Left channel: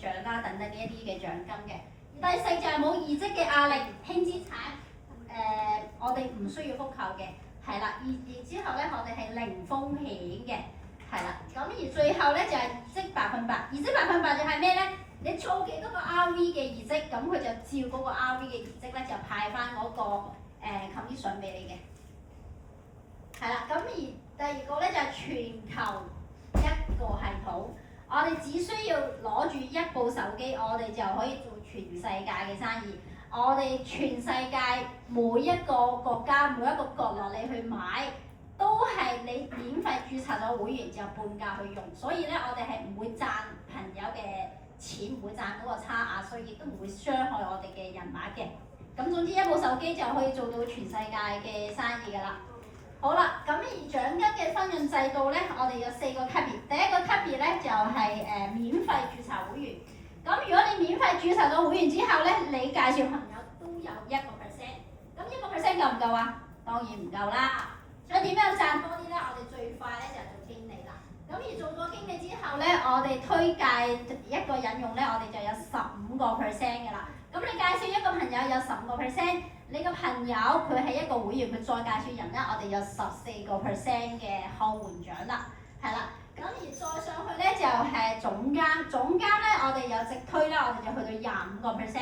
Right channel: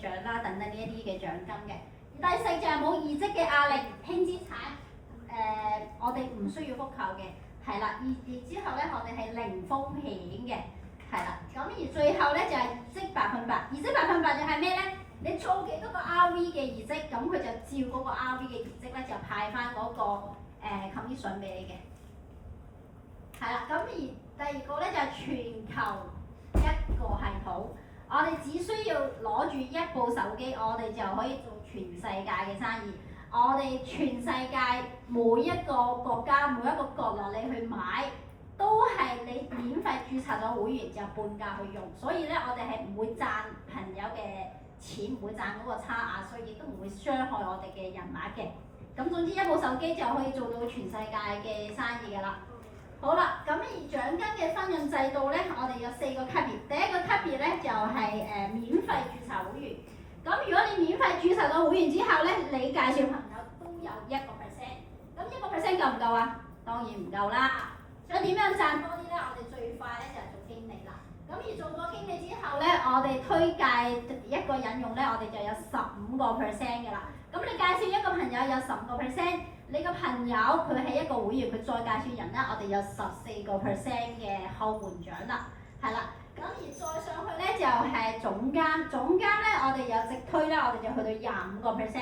獎啦，等等呢一啲嘅獎金嘅。第四就係冇移職嘅壓力，輕資產我哋唔需要復購嘅，係啦。而之後咧，我哋係零風險嘅，係啦。咁而最後咧就係移職100%，移職100%就係咩咧？你做幾多個 RV 嘅移職，咁佢就照嗰個 RV 嘅移職咧就派翻嗰個commission 俾你嘅，係啦。咁而第二個咧就係全球一個系統。我哋只需要攞住一部手機，我哋就可以做全世界嘅生意。我哋全世界每一個國家每一個角落你去買，都係你免費註冊咗會員就半價去用。所以咧，我哋係唔會賺朋友嘅錢，唔會賺嗰個差額，所以亦都唔會傷害我哋嘅人脈嘅。咁總之一部手機就可以做到全世界嘅生意㗎啦。好啦，咁而獎金嘅分潤制度咧，我哋有4個級別。第一個級別咧就係免費註冊會員。咁如果你免費註冊咗會員之後咧，你介紹朋友都有1%。咁1%夠唔夠啊？當然唔夠啦。所以點樣賺多啲咧？我哋最快咧就做經理啦。咁而做咗經理之後咧，我哋推介一個引用咧，我哋就有15% 嘅啦。咁你介紹一個朋友有15%，你個朋友佢係一個會員，佢再介紹人咧，我哋有14% 嘅後援獎啦，係啦。咁而再上去咧就係總監，總監咧我哋有直推啦，我哋就去到25%。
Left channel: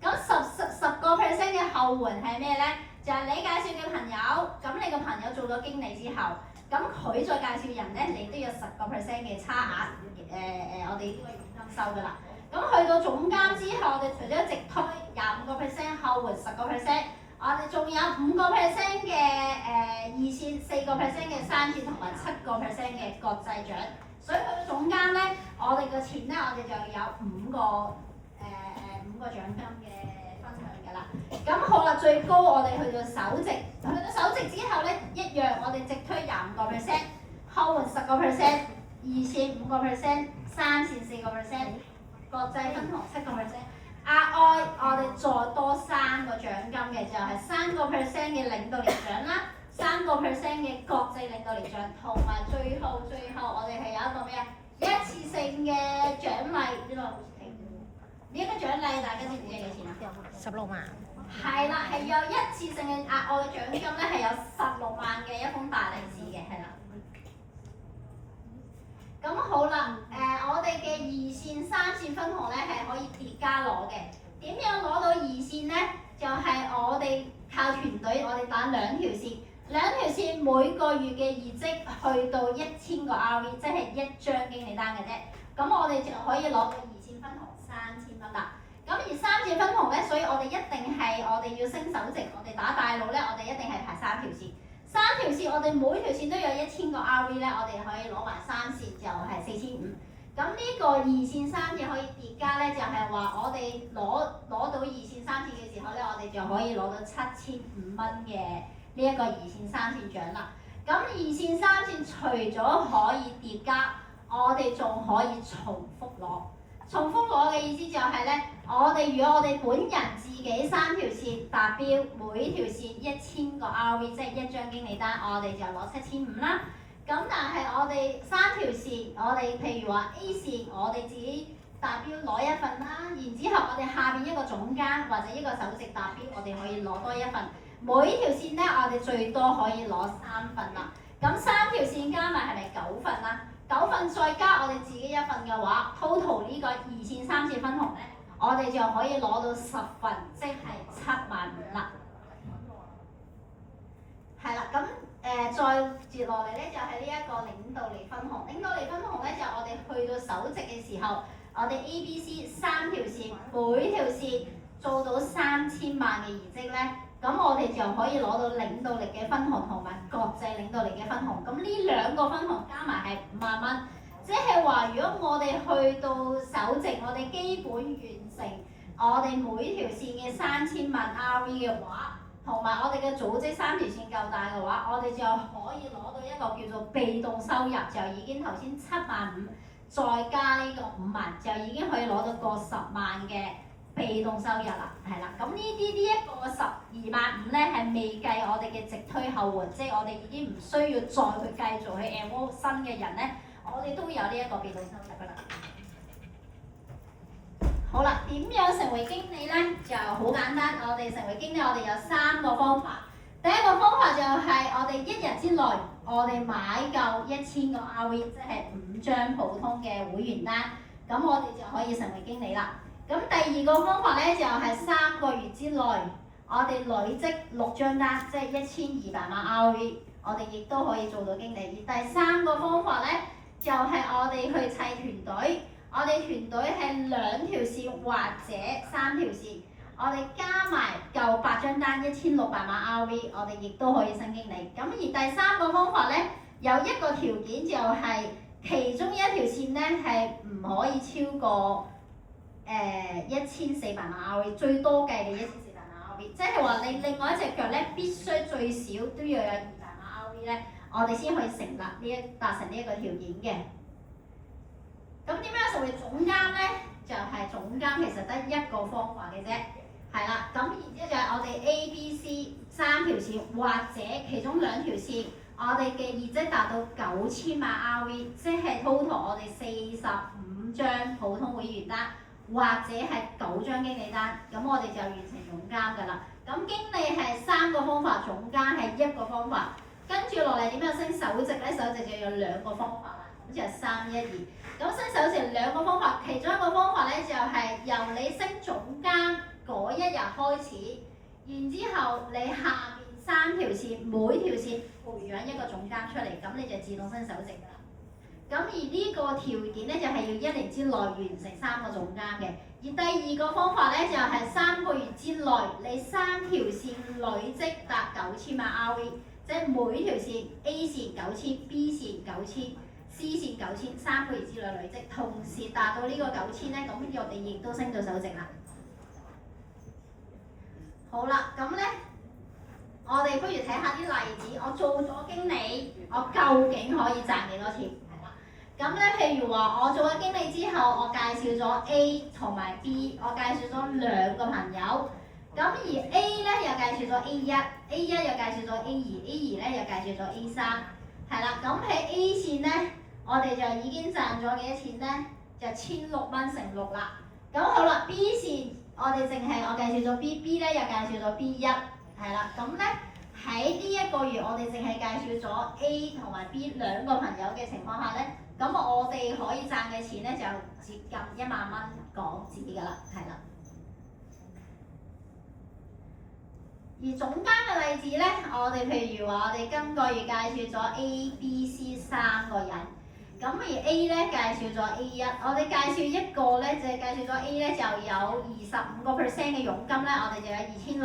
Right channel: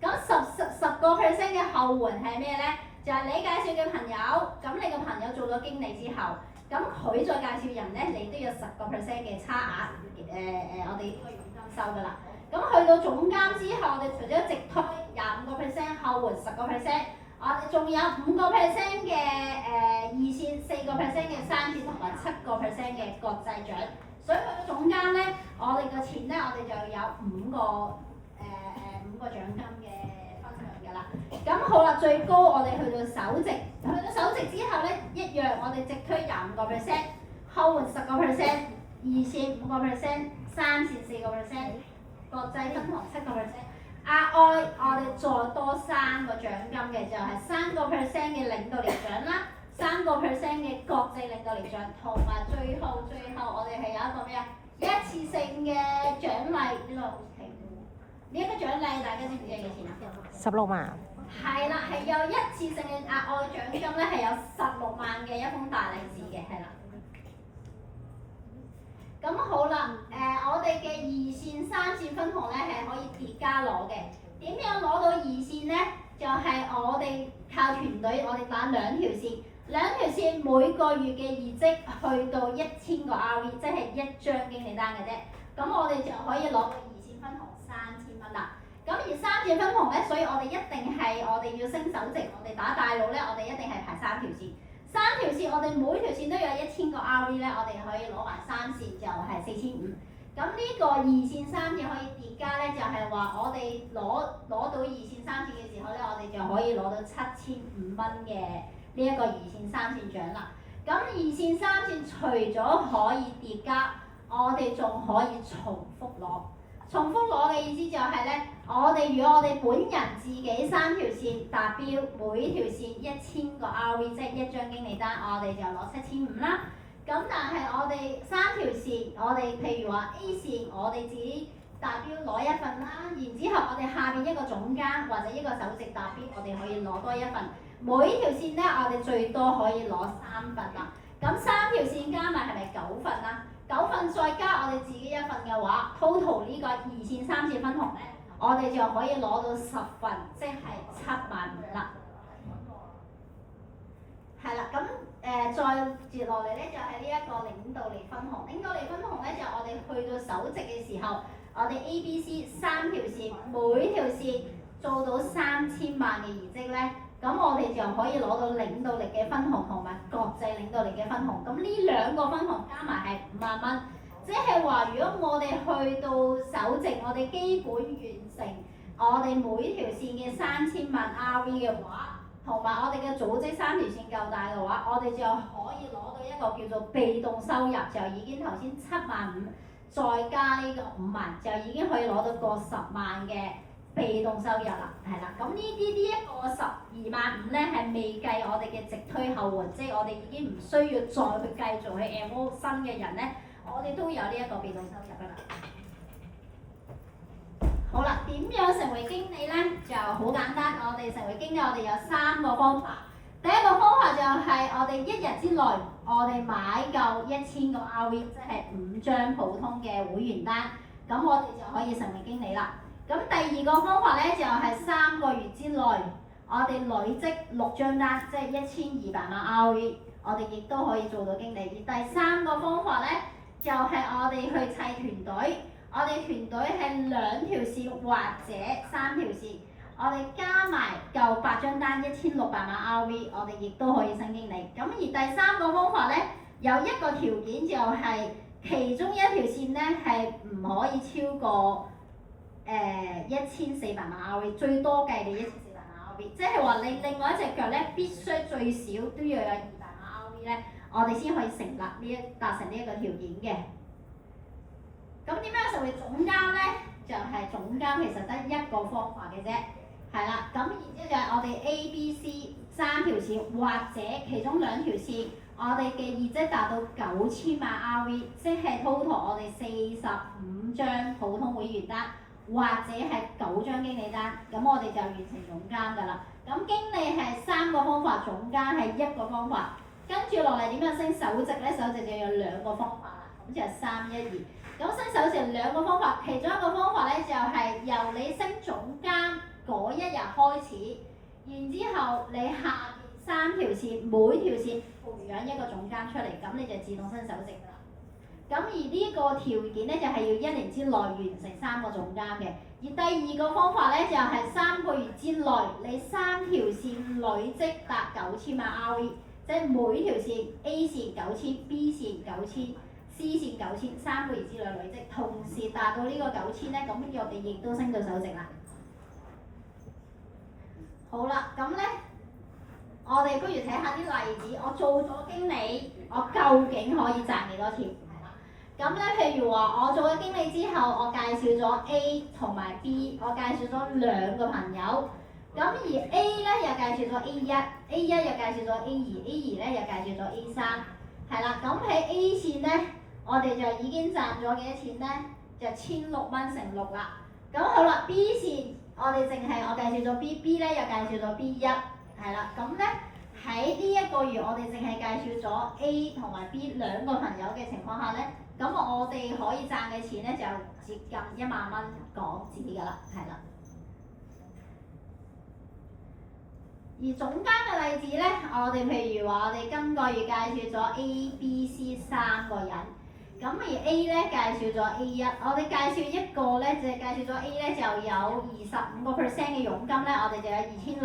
咁10% 嘅後援係咩咧？就係你介紹嘅朋友，咁你個朋友做咗經理之後，咁佢再介紹人咧，你都有10% 嘅差額，我哋呢個佣金收㗎啦。咁去到總監之後，我哋除咗直推25%，後援10%，我哋仲有5% 嘅二線，4% 嘅三線，同埋7% 嘅國際獎。所以去到總監咧，我哋嘅錢咧，我哋就有5個獎金嘅分享㗎啦。咁好啦，最高我哋去到首席，去到首席之後咧，一樣我哋直推25%，後援10%，二線5%，三線4%。國際分紅7%，額外我哋再多3個獎金嘅，就係3% 嘅領導力獎啦，3% 嘅國際領導力獎，同埋最後我哋係有一個咩啊？一次性嘅獎勵，呢個好平喎。呢一個獎勵大家知唔知係幾錢啊？16萬。係啦，係有一次性嘅額外嘅獎金咧，係有16萬嘅一封大利是嘅，係啦。咁好啦，我哋嘅2線、3線分紅咧係可以疊加攞嘅。點樣攞到2線咧？就係我哋靠團隊，我哋打2條線，2條線每個月嘅業績去到1000個 RV， 即係1張經理單嘅啫。咁我哋就可以攞到2線分紅3000蚊啦。咁而3線分紅咧，所以我哋一定係我哋要升首席，我哋打大佬咧，我哋一定係排3條線。3條線，我哋每條線都有1000個 RV 咧，我哋可以攞埋3線就係4500。咁呢個2線3線可以疊加咧，就係話我哋攞到2線3線嘅時候咧，我哋就可以攞到7500蚊嘅呢一個2線3線獎啦。咁2線3線除咗可以疊加，我哋仲可以重複攞。重複攞嘅意思就係咧，如果我哋本人自己3條線達標，每條線1000個 RV， 即係1張經理單，我哋就攞7500啦。咁但係我哋3條線，我哋譬如話 A 線，我哋自己達標攞1份啦，然之後我哋下邊一個總監或者一個首席達標，我哋可以攞多1份。每條線咧，我哋最多可以攞3份啦。咁3條線加埋係咪9份啦？9份再加我哋自己1份嘅話 ，total 呢個2線3線分紅咧，我哋就可以攞到10份，即係75000啦。係啦，咁再接落嚟咧就係呢一個領導力分紅。領導力分紅咧就我哋去到首席嘅時候，我哋 A、B、C 3條線，每條線做到3000萬嘅業績咧，咁我哋就可以攞到領導力嘅分紅同埋國際領導力嘅分紅。咁呢2個分紅加埋係50000蚊，即係話如果我哋去到首席，我哋基本完成我哋每條線嘅3000萬 RV 嘅話，同埋我哋嘅組織3條線夠大嘅話，我哋就可以攞到一個叫做被動收入，就已經頭先75000，再加呢個5萬，就已經可以攞到個10萬嘅被動收入啦，係啦。咁呢一個125000咧係未計我哋嘅直推後援，即係我哋已經唔需要再去繼續去 MO 新嘅人咧，我哋都有呢一個被動收入㗎啦。點樣成為經理咧？就好簡單，我哋成為經理，我哋有3個方法。第一個方法就係我哋1日之內，我哋買夠1000個 RV， 即係5張普通嘅會員單，咁我哋就可以成為經理啦。咁第二個方法咧就係3個月之內，我哋累積6張單，即係1200萬 RV， 我哋亦都可以做到經理。而第3個方法咧就係我哋去砌團隊，我哋團隊係2條線或者3條線。我哋加埋夠8張單1600萬 RV， 我哋亦都可以升經理。咁而第3個方法咧，有一個條件就係其中一條線咧係唔可以超過1400萬 RV， 最多計你1400萬 RV， 即係話你另外一隻腳咧必須最少都要有200萬 RV 咧，我哋先可以達成呢一個條件嘅。咁點樣成為總監咧？就係總監其實得一個方法嘅啫。係啦，咁然之後就係我哋 A、B、C 3條線，或者其中2條線，我哋嘅業績達到9000萬 RV， 即係 total 我哋45張普通會員單，或者係9張經理單，咁我哋就完成總監㗎啦。咁經理係3個方法，總監係1個方法。跟住落嚟點樣升首席咧？首席就有2個方法啦，咁就係3、1、2。咁升首席2個方法，其中一個方法咧就係由你升總監嗰一日開始，然之後你下邊3條線，每條線培養一個總監出嚟，咁你就自動升首席㗎啦。咁而呢個條件咧就係要1年之內完成3個總監嘅。而第2個方法咧就係3個月之內，你3條線累積達9000萬 RV， 即係每條線 A 線9000，B 線9000，C 線9000，3個月之內累積，同時達到呢個9000咧，咁我哋亦都升到首席啦。好啦，咁咧，我哋不如睇下啲例子。我做咗經理，我究竟可以賺幾多錢？係啦。咁咧，譬如話，我做咗經理之後，我介紹咗 A 同埋 B， 我介紹咗2個朋友。咁而 A 咧又介紹咗 A1，A1 又介紹咗 A2，A2 咧又介紹咗 A3。係啦，咁喺 A 線咧，我哋就已經賺咗幾多錢咧？就1600蚊乘6啦。咁好啦 ，B 線。我哋淨係我介紹咗 B，B 咧又介紹咗 B1，係啦，咁咧喺呢一個月我哋淨係介紹咗 A 同埋 B 2個朋友嘅情況下咧，咁我哋可以賺嘅錢咧就接近1萬蚊港紙㗎啦，係啦。而總監嘅例子咧，我哋譬如話我哋今個月介紹咗 A、B、C 3個人。咁而 A 咧介紹咗 A1， 我哋介紹一個咧就係介紹咗 A 咧就有25% 嘅佣金咧，我哋就有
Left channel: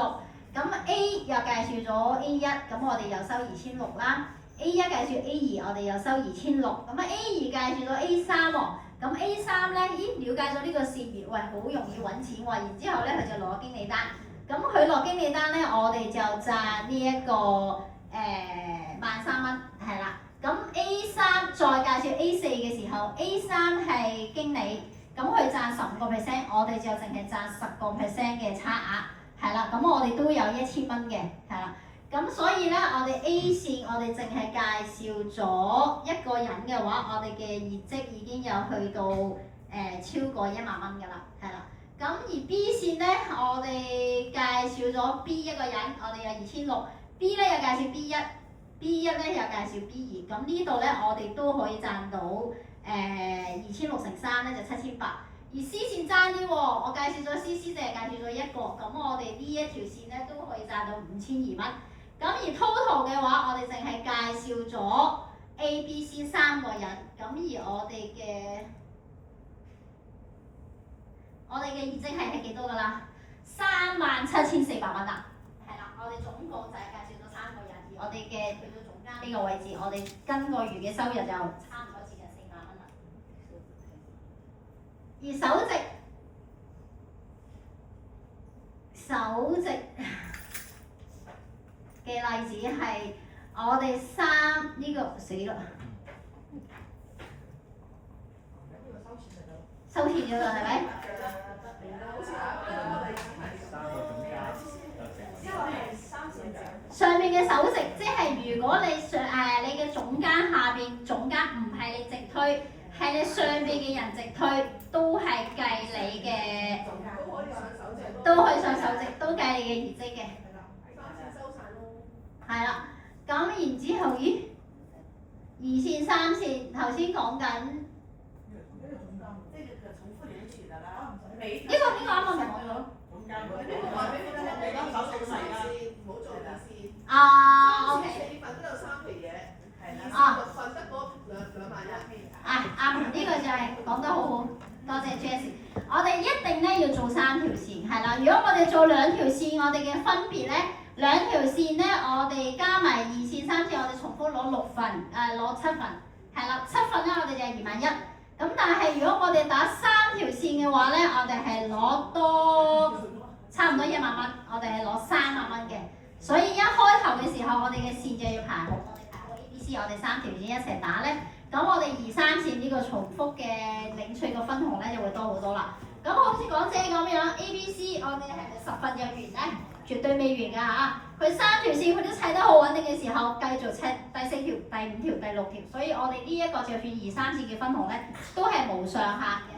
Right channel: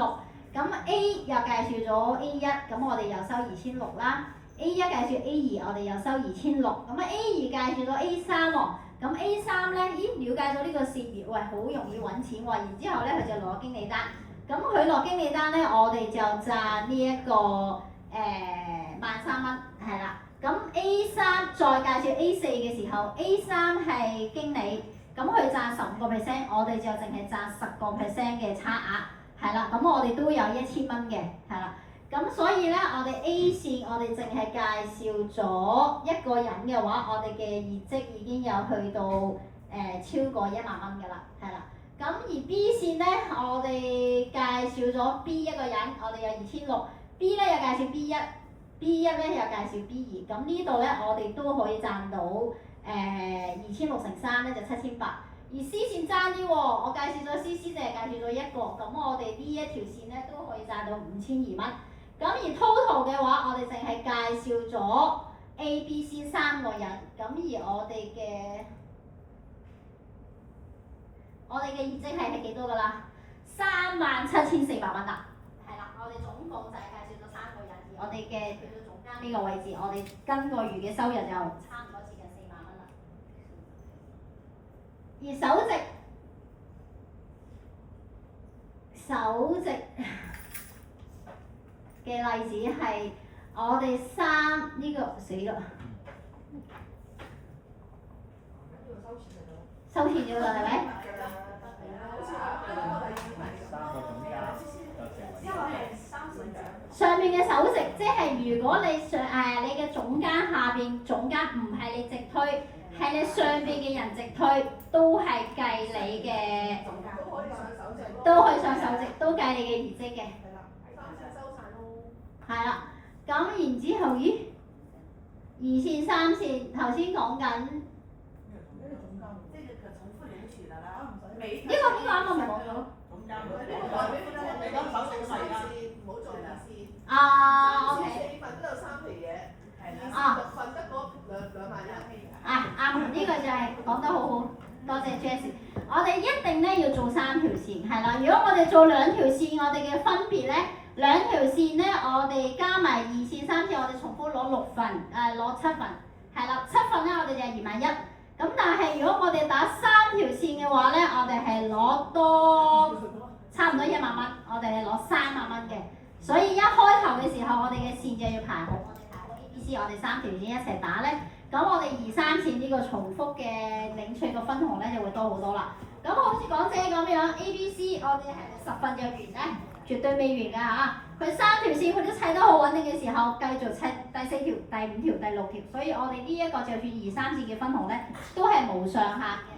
2600。咁 A 又介紹咗 A1， 咁我哋又收2600啦。A1 介紹 A2， 我哋又收2600。咁啊 A2 介紹咗 A3 喎，咁 A3 咧，了解咗呢個事業，喂，好容易揾錢喎。然之後咧佢就攞經理單，咁佢攞經理單咧，我哋就賺呢一個13,000蚊，係啦。咁 A3 再介紹 A4 嘅時候 ，A3 係經理，咁佢賺15%，我哋就淨係賺10% 嘅差額，係啦。咁我哋都有1000蚊嘅，係啦。咁所以咧，我哋 A 線我哋淨係介紹咗一個人嘅話，我哋嘅業績已經有去到超過1萬蚊㗎啦，係啦。咁而 B 線咧，我哋介紹咗 B 一個人，我哋有2600，B 咧又介紹 B1。B1 咧又介紹 B2，咁呢度咧我哋都可以賺到2600乘3咧就7800，而 C 線爭啲喎，我介紹咗 C 淨係介紹咗一個，咁我哋呢一條線咧都可以賺到5200蚊。咁而 total 嘅話，我哋淨係介紹咗 A、B、C 3個人，咁而我哋嘅業績係幾多㗎啦？37400蚊啦，係啦，我哋總共就係介紹咗3個人，而我哋嘅去到總監呢個位置，我哋今個月嘅收入就差唔多接近4萬蚊啦。而首席嘅例子係我哋呢個死啦，收錢咗啦，係咪？上面嘅首席，即係如果你你嘅總監下邊總監唔係你直推，係你上邊嘅人直推，都係計你嘅都可以上手值，都計你嘅業績嘅。係啦，咁然之後，咦？2線、3線頭先講緊。呢個邊個啱啱咪講咗？啊 ，OK。4份都有3皮嘢，6份得嗰2萬1。啱，呢個就係講得好好，多謝 Jessie。我哋一定咧要做3條線，係啦。如果我哋做2條線，我哋嘅分別咧，2條線咧，我哋加埋2線、3線，我哋重複攞6份，攞7份，係啦，7份咧我哋就係2萬1。咁但係如果我哋打3條線嘅話咧，我哋係攞多差唔多1萬蚊，我哋係攞3萬蚊嘅。所以一開頭嘅時候，我哋嘅線就要排好，我哋排好 A、B、C， 我哋3條線一齊打咧，咁我哋2、3線呢個重複嘅領取個分紅咧就會多好多啦。咁好似港姐咁樣 A、B、C， 我哋係咪10份就完咧？絕對未完㗎嚇！佢3條線佢都砌得好穩定嘅時候，繼續砌第4條、第5條、第6條，所以我哋呢一個就算2、3線嘅分紅咧，都係無上限嘅。